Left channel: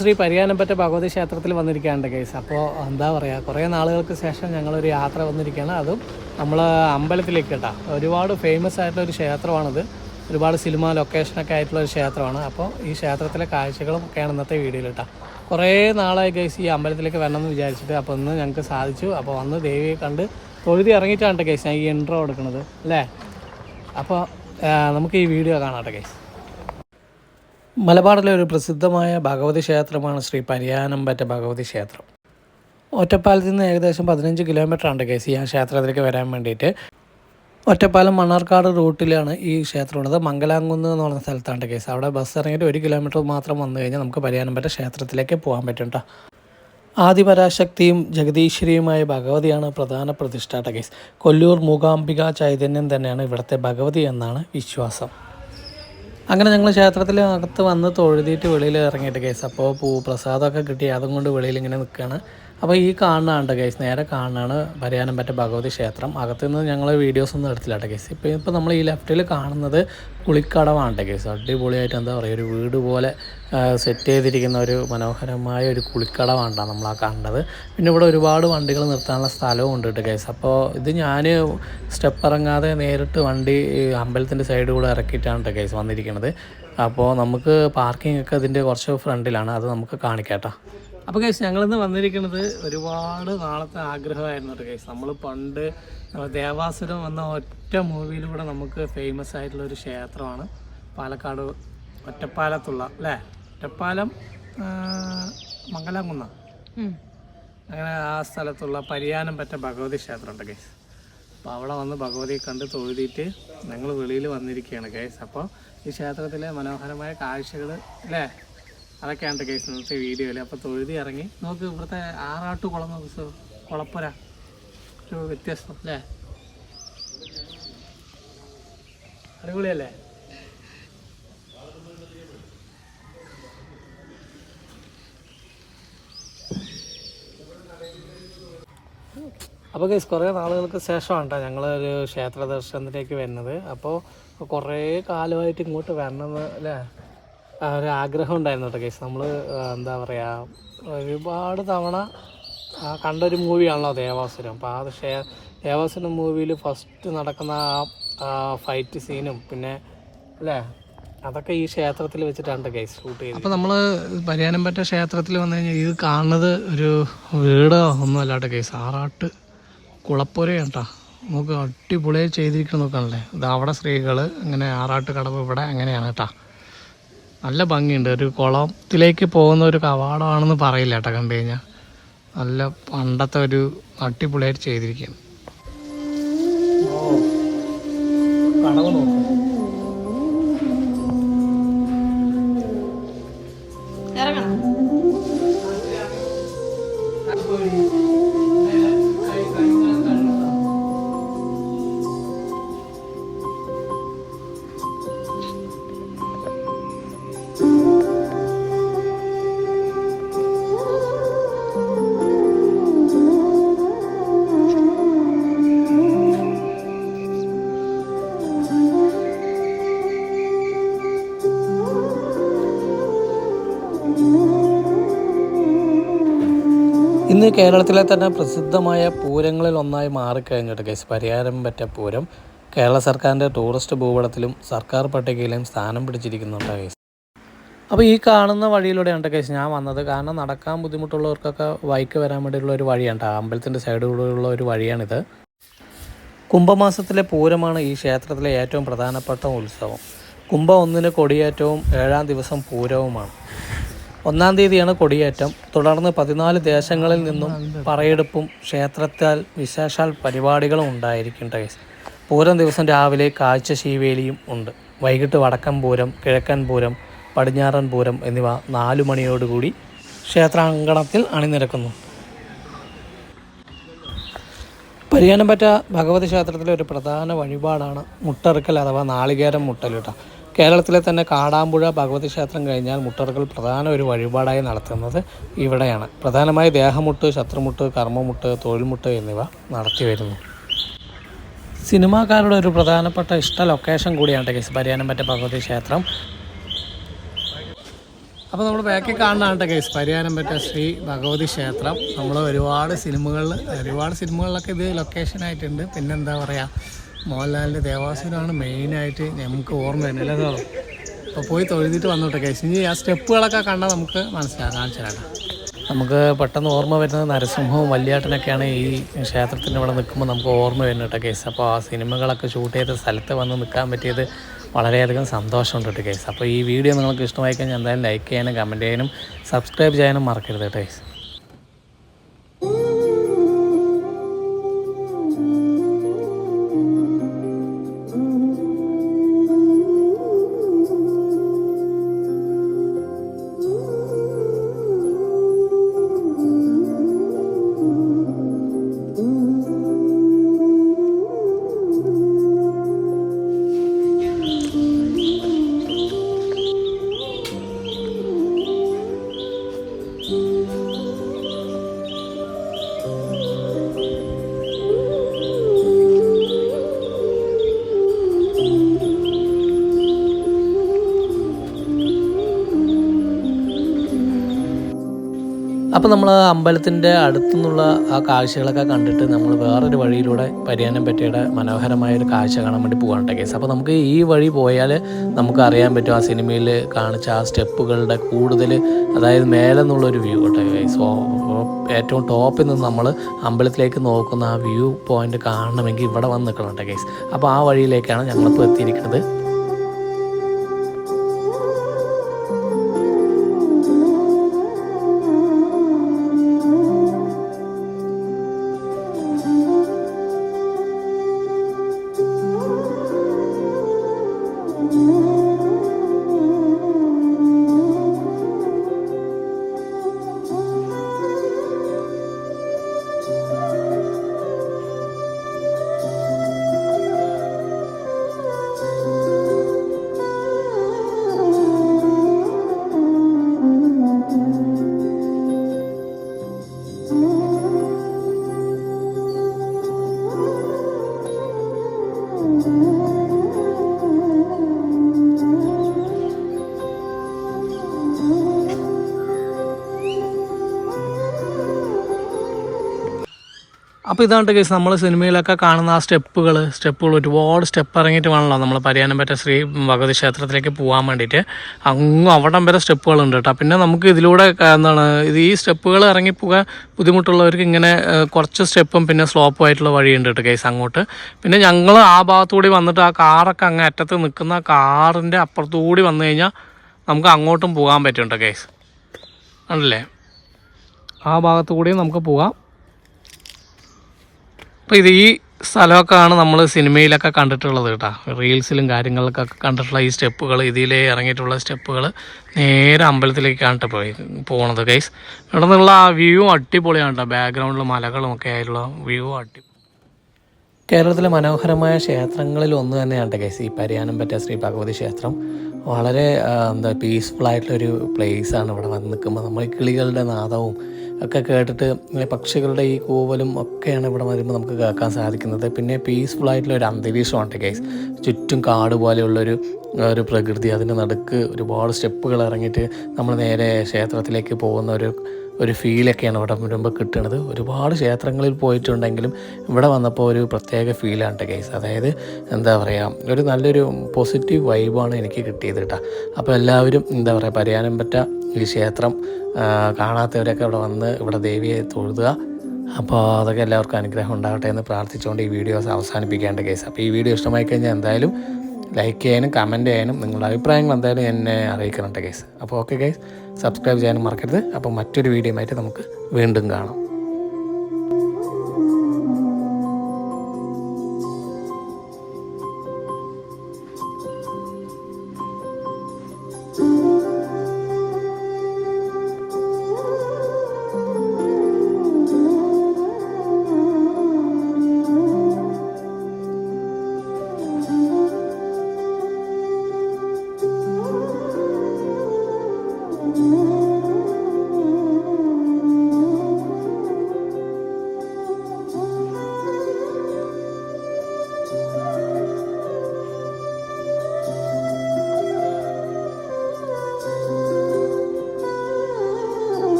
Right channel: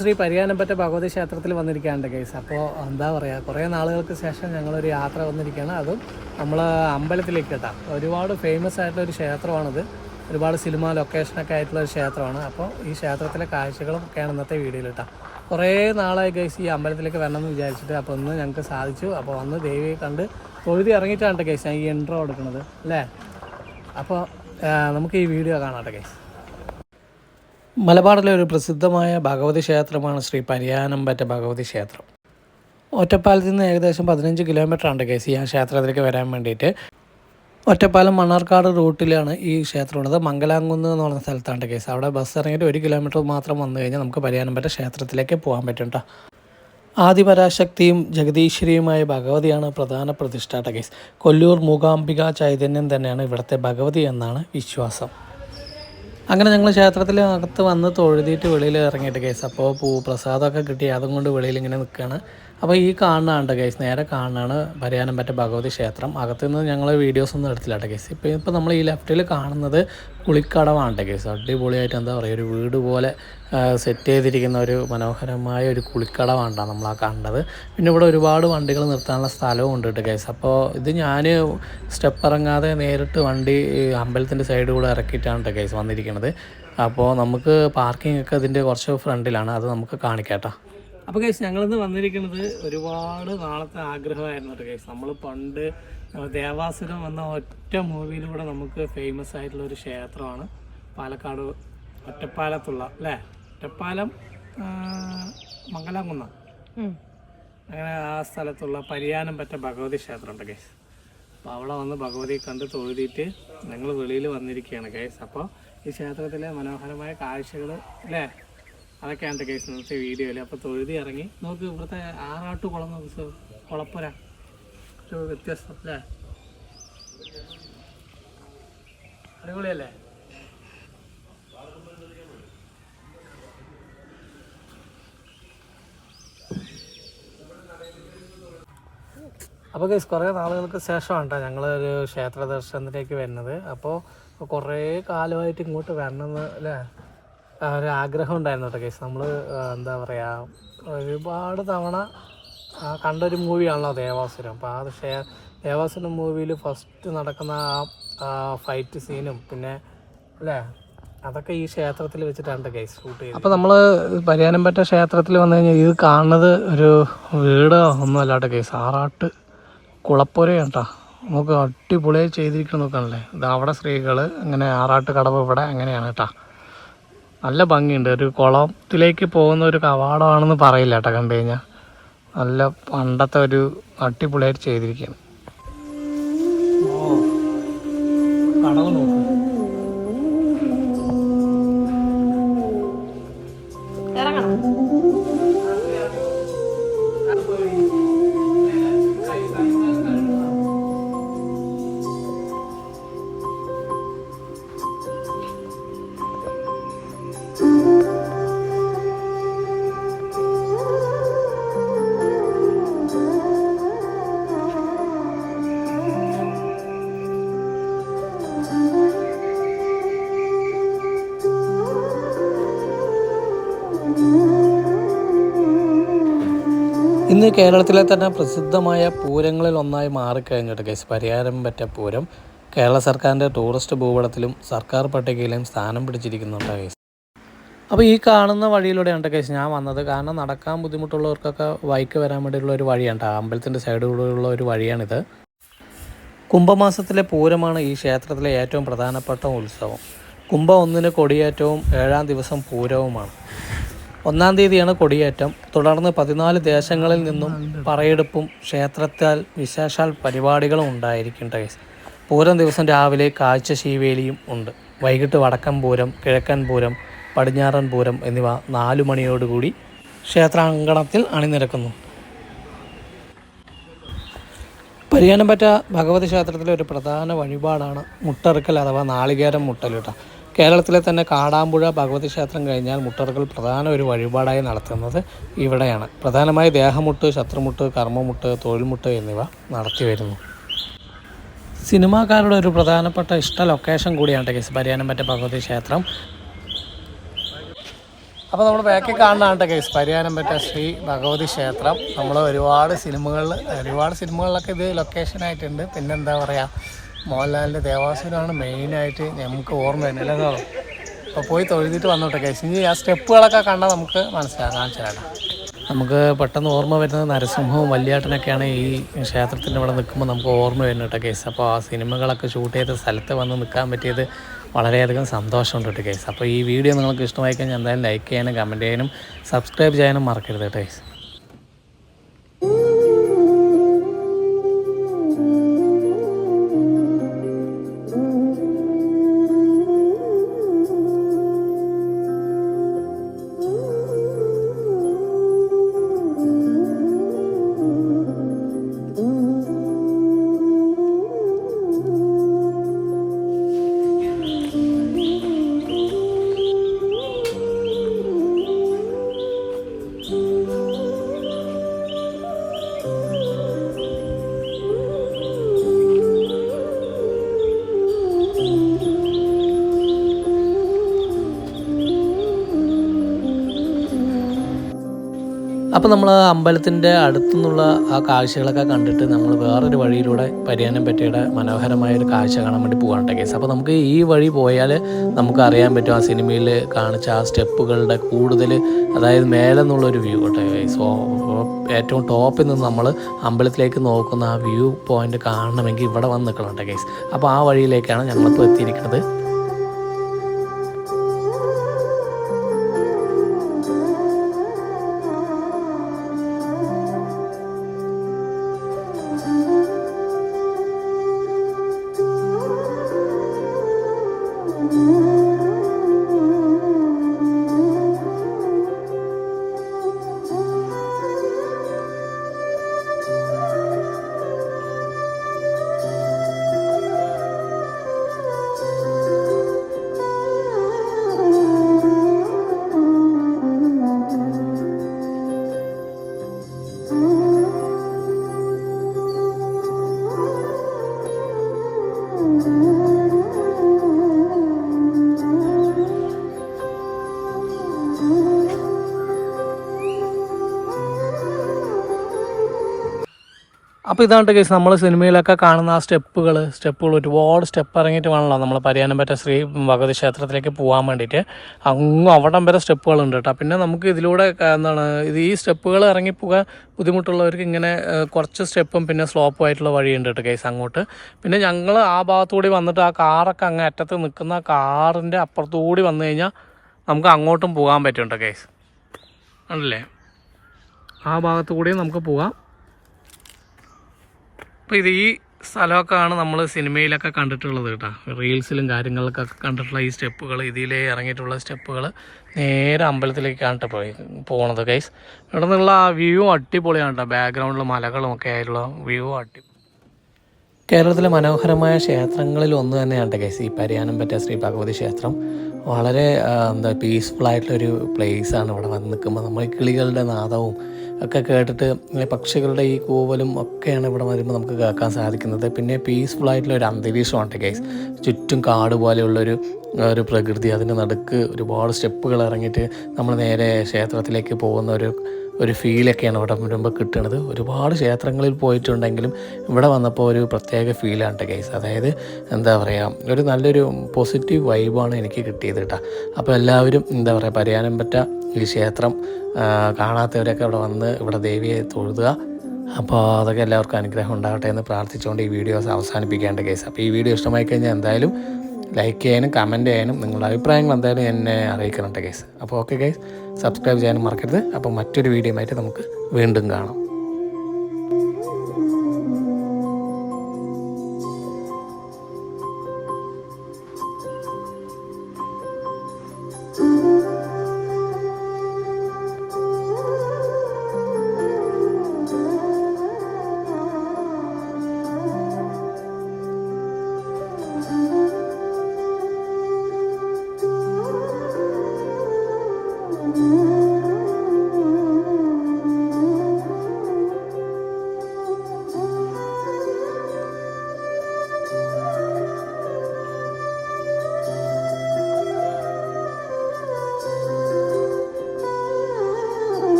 ശ്രീ പരിയാനംപറ്റ ഭഗവതി ക്ഷേത്രത്തിൽ വന്നിരിക്കുകയാണ് കേസ്. അപ്പോൾ എന്താ പറയുക, കുറേ നാളുകൾക്ക് ശേഷം ഞങ്ങളൊരു യാത്ര വന്നിരിക്കുകയാണ്. അതും നമ്മൾ അമ്പലത്തിലേക്ക് കേട്ടോ. ഒരുപാട് ഫേമസ് ആയിട്ടുള്ളൊരു ക്ഷേത്രമാണിത്. ഒരുപാട് സിനിമ ലൊക്കേഷനൊക്കെ ആയിട്ടുള്ളൊരു ക്ഷേത്രമാണ്. അപ്പോൾ ഈ ക്ഷേത്രത്തിലെ കാഴ്ചകളും ഒക്കെയാണ് ഇന്നത്തെ വീഡിയോയിൽ കേട്ടോ. കുറേ നാളായി കേസ് ഈ അമ്പലത്തിലേക്ക് വരണമെന്ന് വിചാരിച്ചിട്ട്. അപ്പോൾ ഇന്ന് ഞങ്ങൾക്ക് സാധിച്ചു. അപ്പോൾ വന്ന് ദേവിയെ കണ്ട് തൊഴുതി ഇറങ്ങിയിട്ടാണ് കേസ് ഞാൻ ഈ എൻട്രോ എടുക്കുന്നത് അല്ലേ. അപ്പോൾ നമുക്ക് ഈ വീഡിയോ കാണാട്ടെ കേസ്. മലബാറിലെ ഒരു പ്രസിദ്ധമായ ഭഗവതി ക്ഷേത്രമാണ് ശ്രീ പരിയാനംപറ്റ ഭഗവതി ക്ഷേത്രം. ഒറ്റപ്പാലത്തിൽ നിന്ന് ഏകദേശം 15 കിലോമീറ്ററാണ് കേസ് ഈ ക്ഷേത്രത്തിലേക്ക് വരാൻ വേണ്ടിയിട്ട്. ഒറ്റപ്പാലം മണ്ണാർക്കാട് റൂട്ടിലാണ് ഈ ക്ഷേത്രമുള്ളത്. മംഗലാംകുന്ന് എന്ന് പറഞ്ഞ സ്ഥലത്താണ് കേസ്. അവിടെ ബസ് ഇറങ്ങിയിട്ട് 1 കിലോമീറ്റർ മാത്രം വന്നു കഴിഞ്ഞാൽ നമുക്ക് പരിയാനംപറ്റ ക്ഷേത്രത്തിലേക്ക് പോകാൻ പറ്റും കേട്ടോ. ആദിപരാശക്തിയും ജഗദീശ്വരിയുമായ ഭഗവതിയാണ് പ്രധാന പ്രതിഷ്ഠാട്ട കേസ്. കൊല്ലൂർ മൂകാംബിക ചൈതന്യം തന്നെയാണ് ഇവിടുത്തെ ഭഗവതി എന്നാണ് വിശ്വാസം. അങ്ങനെ ഞങ്ങൾ ക്ഷേത്രത്തിനകത്ത് വന്ന് തൊഴുതിയിട്ട് വെളിയിൽ ഇറങ്ങിയിട്ട് കേസ്. അപ്പോൾ പ്രസാദമൊക്കെ കിട്ടി, അതും കൊണ്ട് വെളിയിൽ ഇങ്ങനെ നിൽക്കുകയാണ്. അപ്പോൾ ഈ കാണുന്നതാണ് കേസ്, നേരെ കാണുന്നതാണ് പരിയാനംപറ്റ ഭഗവതി ക്ഷേത്രം. അകത്തുനിന്ന് ഞങ്ങൾ വീഡിയോസൊന്നും എടുത്തില്ല കേസ്. ഇപ്പോൾ നമ്മൾ ഈ ലെഫ്റ്റിൽ കാണുന്നത് കുളിക്കടവാണ് കേസ്. അടിപൊളിയായിട്ട് എന്താ പറയുക, ഒരു വീട് പോലെ സെറ്റ് ചെയ്തിരിക്കുന്ന ഒരു മനോഹരമായ ഒരു കുളിക്കടവാണ് നമ്മൾ ആ കണ്ടത്. പിന്നെ ഇവിടെ ഒരുപാട് വണ്ടികൾ നിർത്താനുള്ള സ്ഥലവും ഉണ്ട് കേട്ടോ കേസ്. അപ്പോൾ ഇത് ഞാൻ സ്റ്റെപ്പ് ഇറങ്ങാതെ നേരിട്ട് വണ്ടി അമ്പലത്തിൻ്റെ സൈഡ് കൂടെ ഇറക്കിയിട്ടാണ് കേസ് വന്നിരിക്കുന്നത്. അപ്പോൾ നമുക്ക് പാർക്കിംഗ് ഒക്കെ ഇതിൻ്റെ കുറച്ച് ഫ്രണ്ടിലാണ്, അത് നമുക്ക് കാണിക്കാട്ടോ. അപ്പോൾ കേസ് ഞങ്ങളിന്ന് വന്നിരിക്കുന്നത് ഒരുപാട് നാളത്തെ ആഗ്രഹമായിരുന്നു കേട്ടോ കേസ്. നമ്മൾ പണ്ട് ദേവാസുരം എന്ന ഒറ്റ മൂവിയിലൂടെ നമുക്ക് ഫേമസ് ആയിട്ടുള്ള ഒരു ക്ഷേത്രമാണ് പാലക്കാട് ഒറ്റപ്പാലത്തുള്ള അല്ലേ, ഒറ്റപ്പാലം മംഗലാംകുന്ന അങ്ങനെ ആ സ്ഥലത്തുള്ള പരിയാനംപറ്റ ഭഗവതി ക്ഷേത്രമുണ്ട് കേസ്. അപ്പോൾ അവിടെ വന്ന് ഭഗവതിയെ കണ്ട് തൊഴുതിയിട്ട് ഞങ്ങൾ വെളിയിൽ വന്നിരിക്കുകയാണ് കേസ്. അപ്പോൾ ഈ ക്ഷേത്രത്തിലെ മനോഹരമായ കാഴ്ചകൾ അല്ലേ, അതൊക്കെയാണ് കേസ് ഇന്നത്തെ വീഡിയോയിൽ. അപ്പോൾ തൊഴുതി ഇറങ്ങി നോക്ക്, ഇവിടുത്തെ ആറാട്ട് കുളം കുളപ്പുര ഒരു വ്യത്യസ്തം അല്ലേ, അടിപൊളിയല്ലേ. അപ്പോൾ കേസ് കുറേ നാളുകൾക്ക് ശേഷമാണ് കേട്ടോ ഞങ്ങളൊരു ക്ഷേത്ര ദർശനത്തിലേക്ക് വരുന്നത്. അപ്പോൾ കുറേ കാലമായിട്ട് ഇങ്ങോട്ട് വരണമെന്ന് അല്ലേ ഒരു ആഗ്രഹം ഉണ്ടായിരുന്നു കേട്ടോ കേസ്. നമ്മൾ എന്താ പറയുക, ഒരുപാട് തവണ കണ്ടൊരു മൂവിയാണല്ലോ ദേവാസുരം. അപ്പോൾ ആ ദേവാസുരം മൂവിയിൽ ഫസ്റ്റ് നടക്കുന്ന ആ ഫൈറ്റ് സീനും പിന്നെ അല്ലേ അതൊക്കെ ഈ ക്ഷേത്രത്തിൽ വെച്ചിട്ടാണ് കേസ് ഷൂട്ട് ചെയ്തത്. അപ്പോൾ നമ്മൾ പരിയാനംപറ്റ ക്ഷേത്രത്തിൽ വന്നു കഴിഞ്ഞാൽ ഇത് കാണുന്നത് ഒരു വീട് ഒന്നും അല്ലാട്ടോ കേസ്, ആറാട്ട് കുളപ്പുരയാണ് കേട്ടോ. നമുക്ക് അടിപൊളിയായി ചെയ്തിരിക്കണം നോക്കാണല്ലേ. ഇത് അവിടെ സ്ത്രീകൾ അങ്ങനെ ആറാട്ട് കടവ് ഇവിടെ അങ്ങനെയാണ് കേട്ടോ. നല്ല ഭംഗിയുണ്ട്. ഒരു കുളത്തിലേക്ക് പോകുന്ന ഒരു കവാടമാണെന്ന് പറയില്ല കേട്ടോ കണ്ടു കഴിഞ്ഞാൽ. നല്ല പണ്ടത്തെ ഒരു അടിപൊളിയായിട്ട് ചെയ്തിരിക്കുകയാണ്. ഇന്ന് കേരളത്തിലെ തന്നെ പ്രസിദ്ധമായ പൂരങ്ങളിൽ ഒന്നായി മാറിക്കഴിഞ്ഞിട്ട് കേസ് പരിയാനംപറ്റ പൂരം കേരള സർക്കാരിൻ്റെ ടൂറിസ്റ്റ് ഭൂപടത്തിലും സർക്കാർ പട്ടികയിലും സ്ഥാനം പിടിച്ചിരിക്കുന്നുണ്ട് കേസ്. അപ്പോൾ ഈ കാണുന്ന വഴിയിലൂടെയാണ് കേസ് ഞാൻ വന്നത്. കാരണം നടക്കാൻ ബുദ്ധിമുട്ടുള്ളവർക്കൊക്കെ ബൈക്ക് വരാൻ വേണ്ടിയുള്ള ഒരു വഴിയാണ്, അമ്പലത്തിൻ്റെ സൈഡിലൂടെയുള്ള ഒരു വഴിയാണിത്. കുംഭമാസത്തിലെ പൂരമാണ് ഈ ക്ഷേത്രത്തിലെ ഏറ്റവും പ്രധാനപ്പെട്ട ഉത്സവം. കുംഭം 1 കൊടിയേറ്റവും 7-ാം ദിവസം പൂരവുമാണ്. 1-ാം തീയതിയാണ് കൊടിയേറ്റം. തുടർന്ന് 14 ദേശങ്ങളിൽ നിന്നും പറയെടുപ്പും ക്ഷേത്രത്താൽ വിശേഷാൽ പരിപാടികളും ഉണ്ടായിരിക്കും കേസ്. പൂരം ദിവസം രാവിലെ കാഴ്ച ശീവേലിയും ഉണ്ട്. വൈകിട്ട് വടക്കൻ പൂരം, കിഴക്കൻ പൂരം, പടിഞ്ഞാറൻ പൂരം എന്നിവ 4 മണിയോടുകൂടി ക്ഷേത്രാങ്കണത്തിൽ അണിനിരക്കുന്നു. പരിയാനംപറ്റ ഭഗവതി ക്ഷേത്രത്തിലെ ഒരു പ്രധാന വഴിപാടാണ് മുട്ടറുക്കൽ അഥവാ നാളികേരം മുട്ടൽ കേട്ടോ. കേരളത്തിലെ തന്നെ കാടാമ്പുഴ ഭഗവതി ക്ഷേത്രം കഴിഞ്ഞാൽ മുട്ടറുക്കൽ പ്രധാന ഒരു വഴിപാടായി നടത്തുന്നത് ഇവിടെയാണ്. പ്രധാനമായി ദേഹമുട്ട്, ശത്രുമുട്ട്, കർമ്മമുട്ട്, തൊഴിൽമുട്ട് എന്നിവ നടത്തി വരുന്നു. സിനിമാക്കാരുടെ ഒരു പ്രധാനപ്പെട്ട ഇഷ്ട ലൊക്കേഷൻ കൂടിയാണ് കേസ് പരിയാനംപറ്റ ഭഗവതി ക്ഷേത്രം. അപ്പോൾ നമ്മൾ ബാക്കിൽ കാണുന്നതാണ് കേസ് പരിയാനംപറ്റ ശ്രീ ഭഗവതി ക്ഷേത്രം. നമ്മൾ ഒരുപാട് സിനിമകളിലൊക്കെ ഇത് ലൊക്കേഷനായിട്ടുണ്ട്. പിന്നെ എന്താ പറയുക, മോഹൻലാലിൻ്റെ ദേവാസുരമാണ് മെയിനായിട്ട് നമുക്ക് ഓർമ്മ വരുന്നത് അല്ലേ. അപ്പോൾ പോയി തൊഴുതിട്ട് വന്നോട്ടെ കേസ്. ഇനി ആ സ്റ്റെപ്പുകളൊക്കെ കണ്ടാൽ നമുക്ക് കാണിച്ചു തരാം. നമുക്ക് പെട്ടെന്ന് ഓർമ്മ വരുന്നത് നരസിംഹവും വല്യാട്ടനൊക്കെയാണ് ഈ ക്ഷേത്രത്തിൻ്റെ ഇവിടെ നിൽക്കുമ്പോൾ നമുക്ക് ഓർമ്മ വരുന്നത് കേട്ടോ കേസ്. അപ്പോൾ ആ സിനിമകളൊക്കെ ഷൂട്ട് ചെയ്ത സ്ഥലത്ത് വന്ന് നിൽക്കാൻ പറ്റിയത് വളരെയധികം സന്തോഷമുണ്ട് കേട്ടോ കേസ്. അപ്പോൾ ഈ വീഡിയോ നിങ്ങൾക്ക് ഇഷ്ടമായി കഴിഞ്ഞാൽ എന്തായാലും ലൈക്ക് ചെയ്യാനും കമൻറ്റ് ചെയ്യാനും സബ്സ്ക്രൈബ് ചെയ്യാനും മറക്കരുത് കേട്ടോ കേസ്. അപ്പോൾ നമ്മൾ അമ്പലത്തിൻ്റെ അടുത്തുനിന്നുള്ള ആ കാഴ്ചകളൊക്കെ കണ്ടിട്ട് നമ്മൾ വേറൊരു വഴിയിലൂടെ പരിയാനംപറ്റയുടെ മനോഹരമായൊരു കാഴ്ച കാണാൻ വേണ്ടി പോകാനുണ്ട് കേസ്. അപ്പോൾ നമുക്ക് ഈ വഴി പോയാൽ നമുക്ക് അറിയാൻ പറ്റും ആ സിനിമയിൽ കാണിച്ച ആ സ്റ്റെപ്പുകളുടെ കൂടുതൽ, അതായത് മേലെ നിന്നുള്ളൊരു വ്യൂ കേട്ടോ കേസ്. ഏറ്റവും ടോപ്പിൽ നിന്ന് നമ്മൾ അമ്പലത്തിലേക്ക് നോക്കുന്ന ആ വ്യൂ പോയിൻ്റ് കാണണമെങ്കിൽ ഇവിടെ വന്ന് നിൽക്കണം കേട്ടോ കേസ്. അപ്പോൾ ആ വഴിയിലേക്കാണ് ഞങ്ങളിപ്പോൾ എത്തിയിരിക്കുന്നത്. അപ്പോൾ ഇതാണ് കേസ് നമ്മൾ സിനിമയിലൊക്കെ കാണുന്ന ആ സ്റ്റെപ്പുകൾ ഒരുപാട് സ്റ്റെപ്പ് ഇറങ്ങിയിട്ട് വേണമല്ലോ നമ്മൾ പരിയാനംപറ്റ ശ്രീ ഭഗവതി ക്ഷേത്രത്തിലേക്ക് പോകാൻ വേണ്ടിയിട്ട്. അങ്ങ് അവിടം വരെ സ്റ്റെപ്പുകളുണ്ട് കേട്ടോ. പിന്നെ നമുക്ക് ഇതിലൂടെ ഈ സ്റ്റെപ്പുകൾ ഇറങ്ങിപ്പോകാൻ ബുദ്ധിമുട്ടുള്ളവർക്ക് ഇങ്ങനെ കുറച്ച് സ്റ്റെപ്പും പിന്നെ സ്ലോപ്പും ആയിട്ടുള്ള വഴിയുണ്ട് കേട്ടോ കേസ് അങ്ങോട്ട്. പിന്നെ ഞങ്ങൾ ആ ഭാഗത്തുകൂടി വന്നിട്ട് ആ കാറൊക്കെ അങ്ങ് അറ്റത്ത് നിൽക്കുന്ന കാറിൻ്റെ അപ്പുറത്തുകൂടി വന്നു കഴിഞ്ഞാൽ നമുക്ക് അങ്ങോട്ടും പോകാൻ പറ്റും കേട്ടോ കേസ്. ആണല്ലേ, ആ ഭാഗത്തു കൂടി നമുക്ക് പോകാം. അപ്പോൾ ഈ സ്ഥലമൊക്കെയാണ് നമ്മൾ സിനിമയിലൊക്കെ കണ്ടിട്ടുള്ളത് കേട്ടോ, റീൽസിലും കാര്യങ്ങളിലൊക്കെ കണ്ടിട്ടുള്ള ഈ സ്റ്റെപ്പുകൾ, ഇതിലേ ഇറങ്ങിയിട്ടുള്ള സ്റ്റെപ്പുകൾ നേരെ അമ്പലത്തിലേക്കാണ് പോകണത് ഗൈസ്. ഇവിടെ നിന്നുള്ള ആ വ്യൂ അടിപൊളിയാണ് കേട്ടോ, ബാക്ക്ഗ്രൗണ്ടിൽ മലകളും ഒക്കെ ആയിട്ടുള്ള വ്യൂ അടിപൊളി. കേരളത്തിലെ മനോഹരമായ ക്ഷേത്രങ്ങളിൽ ഒന്ന് തന്നെയാണ് ഗൈസ് ഈ പരിയാനംപറ്റ ശ്രീ ഭഗവതി ക്ഷേത്രം. വളരെ പീസ്ഫുള്ളായിട്ടുള്ളൊരു പ്ലേസാണ്. ഇവിടെ വന്ന് നിൽക്കുമ്പോൾ നമ്മൾ ഈ കിളികളുടെ നാദവും ഒക്കെ കേട്ടിട്ട് പക്ഷികളുടെ ഈ കൂവലും ഒക്കെയാണ് ഇവിടെ വരുമ്പോൾ നമുക്ക് കേൾക്കാൻ സാധിക്കുന്നത്. പിന്നെ പീസ്ഫുള്ളായിട്ടുള്ള ഒരു അന്തരീക്ഷമാണ് ഗൈസ്. ചുറ്റും കാട് പോലെയുള്ളൊരു പ്രകൃതി, അതിൻ്റെ നടുക്ക് ഒരുപാട് സ്റ്റെപ്പുകൾ ഇറങ്ങിയിട്ട് നമ്മൾ നേരെ ക്ഷേത്രത്തിലേക്ക് പോകുന്ന ഒരു ഫീലൊക്കെയാണ് ഇവിടെ വരുമ്പോൾ കിട്ടുന്നത്. ഒരുപാട് ക്ഷേത്രങ്ങളിൽ പോയിട്ടുണ്ടെങ്കിലും ഇവിടെ വന്നപ്പോൾ ഒരു പ്രത്യേക ഫീലാണ് ഗൈസ്. അതായത് എന്താ പറയുക, ഒരു നല്ലൊരു പോസിറ്റീവ് വൈബാണ് എനിക്ക് കിട്ടിയത് കേട്ടോ. അപ്പോൾ എല്ലാവരും എന്താ പറയുക, പരിയാനംപറ്റ ഈ ക്ഷേത്രം കാണാത്തവരൊക്കെ ഇവിടെ വന്ന് ഇവിടെ ദേവിയെ തൊഴുതുക. അപ്പോൾ അതൊക്കെ എല്ലാവർക്കും അനുഗ്രഹം ഉണ്ടാകട്ടെ എന്ന് പ്രാർത്ഥിച്ചുകൊണ്ട് ഈ വീഡിയോസ് അവസാനിപ്പിക്കേണ്ട കേസ്. അപ്പോൾ ഈ വീഡിയോ ഇഷ്ടമായി കഴിഞ്ഞാൽ എന്തായാലും ലൈക്ക് ചെയ്യാനും കമൻറ്റ് ചെയ്യാനും നിങ്ങളുടെ അഭിപ്രായങ്ങൾ എന്തായാലും എന്നെ അറിയിക്കണം കേസ്. അപ്പോൾ ഓക്കെ ഗൈസ്, സബ്സ്ക്രൈബ് ചെയ്യാനും മറക്കരുത്. അപ്പോൾ മറ്റൊരു വീഡിയോ ആയിട്ട് നമുക്ക് വീണ്ടും കാണാം.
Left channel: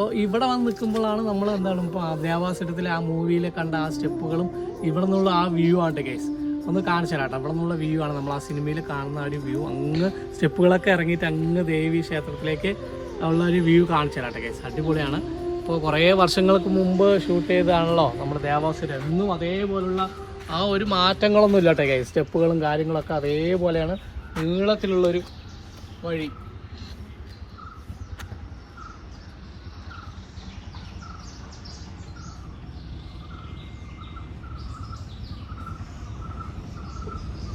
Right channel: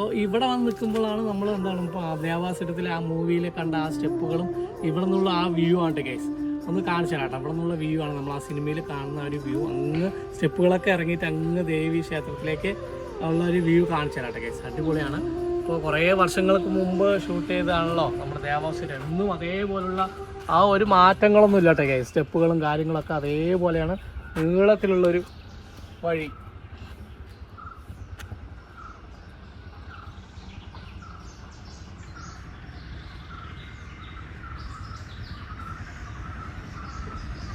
അപ്പോൾ ഇവിടെ വന്ന് നിൽക്കുമ്പോഴാണ് നമ്മൾ എന്താണ് ഇപ്പോൾ ദേവാസുരത്തിലെ ആ മൂവിയിൽ കണ്ട ആ സ്റ്റെപ്പുകളും ഇവിടെ നിന്നുള്ള ആ വ്യൂ ആണ് ഗൈസ്. ഒന്ന് കാണിച്ചു തരാം കേട്ടോ. അവിടെ നിന്നുള്ള വ്യൂ ആണ് നമ്മൾ ആ സിനിമയിൽ കാണുന്ന ഒരു വ്യൂ. അങ്ങ് സ്റ്റെപ്പുകളൊക്കെ ഇറങ്ങിയിട്ട് അങ്ങ് ദേവി ക്ഷേത്രത്തിലേക്ക് ഉള്ള ഒരു വ്യൂ കാണിച്ചു തരാം കേട്ടോ ഗൈസ്. അടിപൊളിയാണ്. ഇപ്പോൾ കുറേ വർഷങ്ങൾക്ക് മുമ്പ് ഷൂട്ട് ചെയ്തതാണല്ലോ നമ്മുടെ ദേവാസുരം. എന്നും അതേപോലുള്ള ആ ഒരു മാറ്റങ്ങളൊന്നും ഇല്ല കേട്ടോ ഗൈസ്. സ്റ്റെപ്പുകളും കാര്യങ്ങളൊക്കെ അതേപോലെയാണ്. നീളത്തിലുള്ളൊരു വഴി.